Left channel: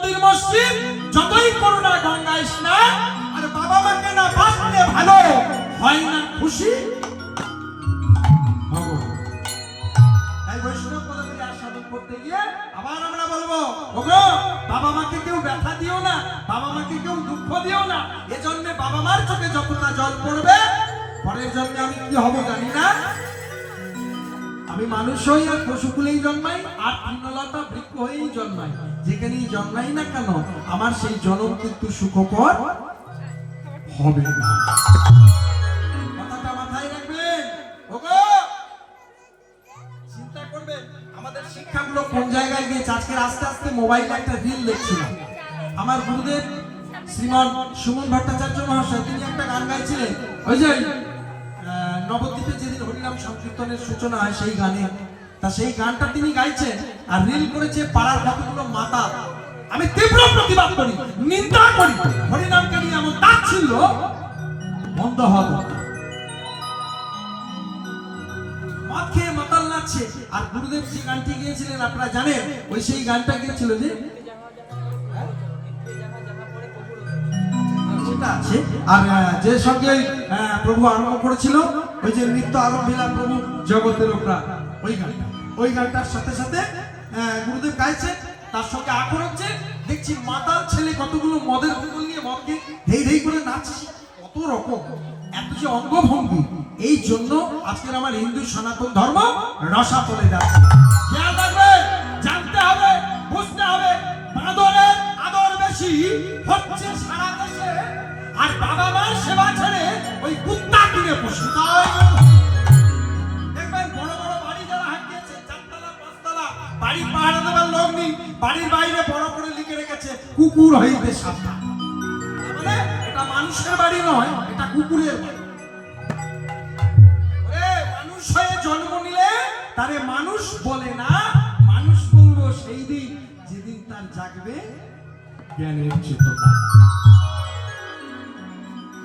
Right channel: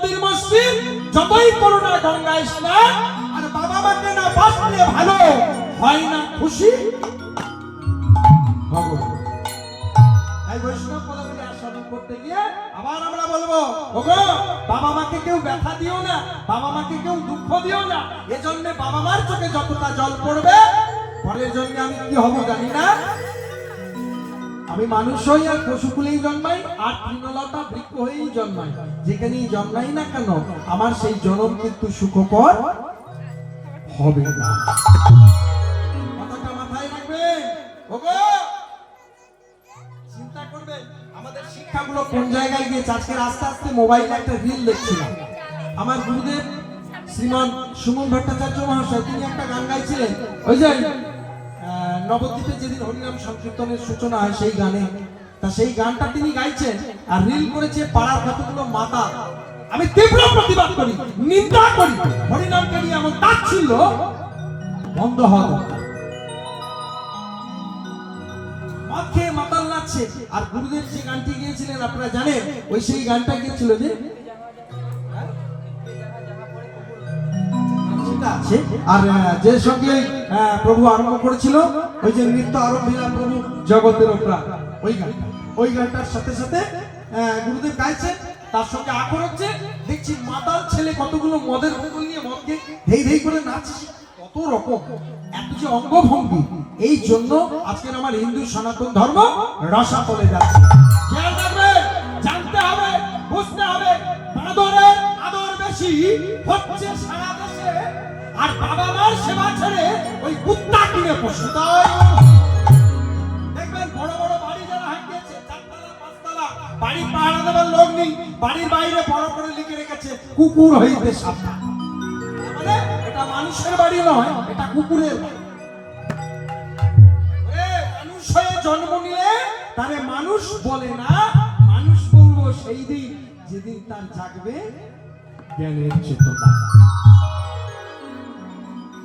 মন্দির মসজিদ, যতই করুণা গঙ্গায় স্নান, আর বাবা মাকে না বাঁচলে ভালো হয় না খুশি ভগবান। তাই বৈষ্ণব পদাবলী আস্বাদন করতে গিয়ে আবার আমরা বলবো, ওগো বাবা মাকে কেউ ব্যথা দিও না, বাবা মাকে কেউ দুঃখ দিও না। এজন্য বাবা মার চোখে যতটা জল পড়বে, পরের জন্মে আমি কি হব জানি না, আমি মানুষ হই আর পশুকুলেই জন্মাই, আর তৃণলতা বৃক্ষ হয়েই জন্মাই। যেখানেই জন্মাই না কেন, আমার সেই জন্ম কিন্তু সুখকর হবে না। কথাটা মাথায় রাখবেন। ওগো চিন্তা করবেন আমাদের শিক্ষাগুলো কোন জায়গায় গিয়েছে। আজকে আস্তে আস্তে মোবাইলে একটা রিল দেখছিলাম। আমার গুরুদেব শ্রীমান সুমন ভট্টাচার্য মহাশয় তিনি একটা গান গাইছিলেন, ওই যে নবদ্বীপে যেদিন হরিনাম সংকীর্তনের সূচনা হয় সেই গানে, তা সেই গানটা তিনি গাইছেন আর রিল করেছে পাড়ার কতগুলো মাতা। আমি তীব্র প্রতিবাদ করি, নিন্দা করি, হরিনামকে নিয়ে এমন তাচ্ছিল্য বন্ধ হওয়া দরকার। মদ খেয়ে মাতাল নাচছে, আর গুরুদেব যে গানটি গিয়েছিলেন আপনারা জানেন, ওই সেই গানটা গিয়েছিল যে আর যে সঙ্গে প্রভু আরম্ভ করেছিল ওই যে নৃত্য আরম্ভিলা প্রভু জগতের প্রাণ, ওই গানটার সাথে সাথে গুরুদেব গাইছেন, তার সঙ্গে আখর হচ্ছে। দেখছি মাতাল ছেলে কতগুলো মদের বোতল নিয়ে মদকে ধেই ধেই করে নাচছে, কত রকম এত যে অঙ্গভঙ্গি। এই জন্য আজকের আমার হিন্দু সনাতন ধর্ম রসাতলে যাচ্ছে। খেয়াল রাখবে, জানতে হবে, বুঝতে হবে, বাঁদরের আদর বেশি হচ্ছে সারা দেশে, আর বাবা মার সেবা ছেড়ে ওই কুত্তা কিনে পোষে। দেখবেন বড় বড় বাড়ি যারা হাঁকিয়েছে, 4 তলা 5 তলা বাড়ি পাহারা দেওয়ার লোক নেই, বাড়ির বাইরে বড় করে লিখে রেখেছে কুকুর হইতে সাবধান। মানে এটা মানুষের বাড়ি নয়, এটা কুকুরের বাড়ি। মানুষ হয়ে জন্ম নিলে তারে মানুষ বলে না, মানুষ বলবো সেই দিন যেদিন তার জাগবে জ্ঞানের চেতনা।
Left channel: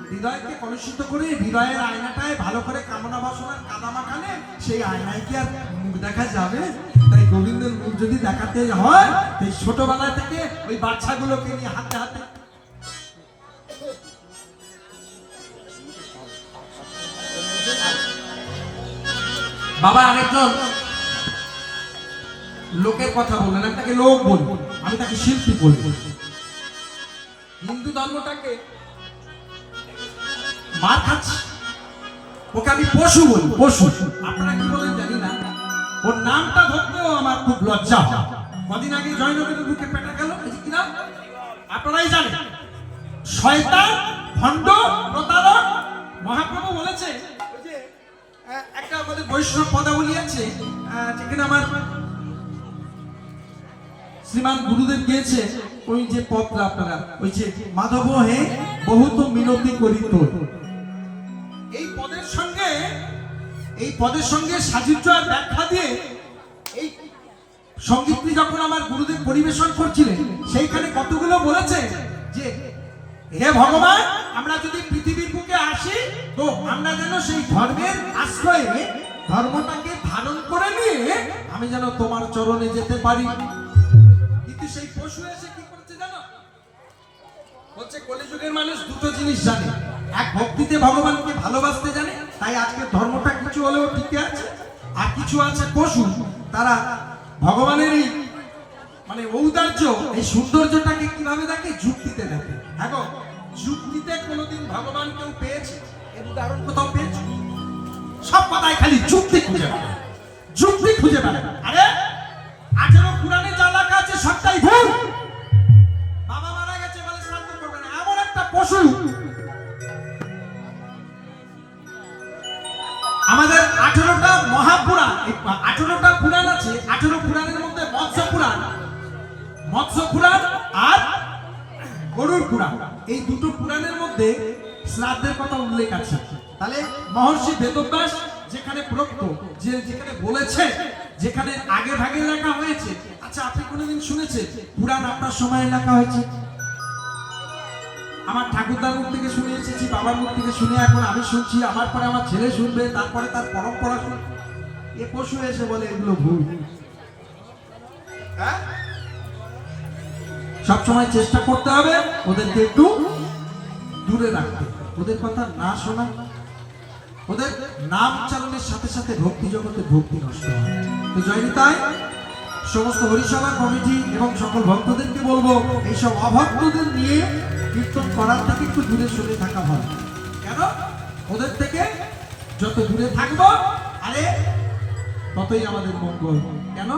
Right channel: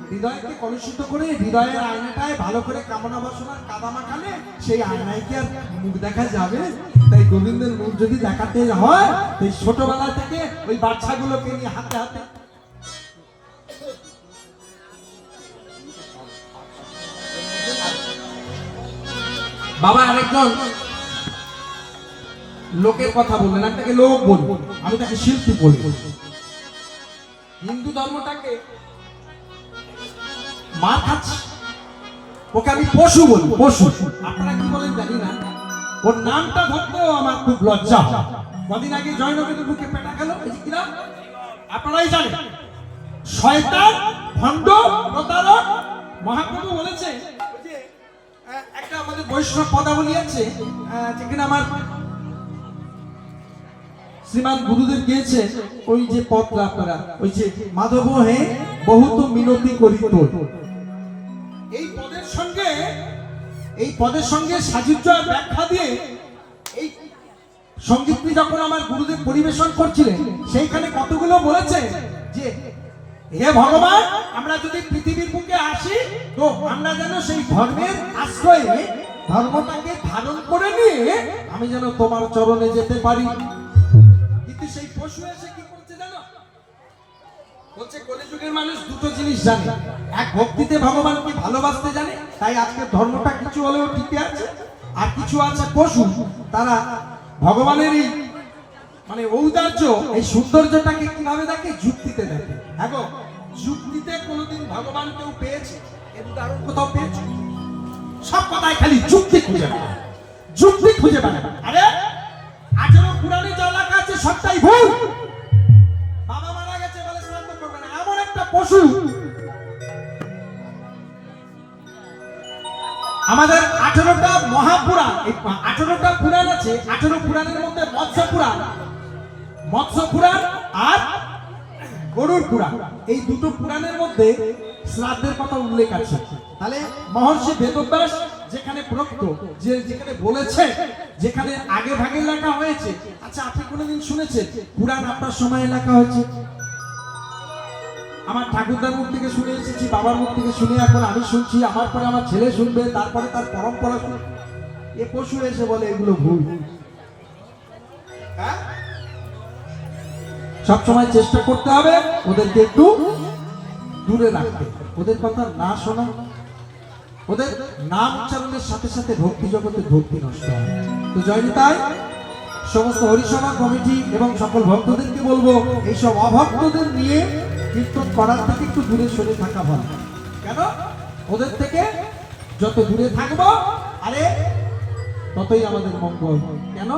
হৃদয়কে কলুষিত করে হৃদয়ের আয়নাটায় ভালো করে কামনা বাসনার কাদা মাখালে সেই আয়নায় কি আর মুখ দেখা যাবে? তাই গোবিন্দের মুখ যদি দেখাতে হয়, এই ছোটবেলা থেকে ওই বাচ্চাগুলোকে নিয়ে হাতে হাতে বাবা আরেকজন লোকের কথা বললেন, আমি তাকে লোক বলবো, আমি তাকে শিল্পী বলবো। হিন্দু ধর্মটাকে মার খাচ্ছে, ওকে আমি পশু বলবো, পশু। আপনারা কি বলেন জানি না, ওর নামটা ধরতেও আমার খুব লজ্জা। কদিন আগে জয়নগরের বুকে পেটা গেল, কিনা আপনারাই জানেন, শয়তান, ভণ্ড, প্রতারক। মহাপ্রভু বলেছে যে একটা আমাদের বৈষ্ণব পদাবলী আছে, যেখানে আমার শ্রীমান গুরুদেব গিয়েছে, ওই যে পদটা আপনারা, ওই যে মাধব হে বহুত মিনতি করিত। এই পদের সঙ্গে সাযুজ্য আর ব্যাখ্যা দিয়ে এই সঙ্গীতটি যখন আমার গুরুদেব পরিবেশন করছিলেন, সেইখানে কতগুলো বলেছে যে হে ভগবান, আমরা যদি পৃথিবীর বুকে আসি তো আমরা যেন সেই ধর্মের আশ্রয়ে ধর্মটাকে ধারণ করে নিয়ে আমি যেন তোমার চরণে যেতে পারি। কিন্তু সেই পশু এসে কি করছে জানো? বলছে কলিযুগের মানুষ দুটো জিনিস জানে, এক ভক্তিতে ভগবানকে ভালোবাসতে জানে, তাই আজকে ধর্মটা কিছু হলেও টিকে আছে। আর কিছু আছে পশু, তারা ভগবানের এই মানে ঔদার্য, এই সৌন্দর্যটাকে কিভাবে দেখে? যুক্তিতে দেখে। হ্যাঁ গো, যুক্তিতে কোনোদিন ভগবান কেউ পেয়েছে? এর উদাহরণ কোথাও পেয়েছে? সব কথায় খালি যুক্তি খুঁজে পাবে, যুক্তি খুঁজে পাবে। আরে 18 পুরাণে যা লেখা আছে সবটাই ভুল। বাবা মারা গেছে বলে শ্রাদ্ধ করবে না, এমন একটা পশু। আমাদের 18টা মহাপুরাণ, এই 18টা পুরাণ আছে, 18 পুরাণের মধ্যে মৎস্য পুরাণ আর গরুড় পুরাণ, এই দুটো পুরাণের মধ্যে শ্রাদ্ধের কথা উল্লেখ আছে। তাহলে মহর্ষি বেদব্যাস যেখানে প্রক্ত, যেখানে বলেছে, যেখানে আগে ভাগে লেখা হয়েছে। আচ্ছা, আপনি কোনোদিন শুনেছেন পুরাণ আপনার সময় লেখা হয়েছে? আমার ঠাকুরদার মুখ থেকে শুনে এসেছি, বাবার মুখ থেকে শুনে এখন আমি শুনছি, আমার পরে আমার ছেলে শুনবে, তারপরে তার পরম্পরা শুনবে। এ পশু এসে বলে এগুলো ভুল। হ্যাঁ, সবসময় চেষ্টা করতে হবে ওদেরকে একটু দূরে রাখতে, ওদের কথা না শোনা, ওদের নাম উচ্চারণের সাথে সাথে ভক্তি জগতে ভক্তি নষ্ট হয়। তো জয়নি তাই সমস্ত হরিসভা কমিটি এবং সকল ভক্তদেরকে বলবো এইসব অভক্তদের নিয়ে কীর্তন করার থেকে একটু দূরে সরে থাকা ভালো। কেন? ওদের থেকে যত দূরে থাকবো আরে ততই আমাদের মঙ্গল। কেন?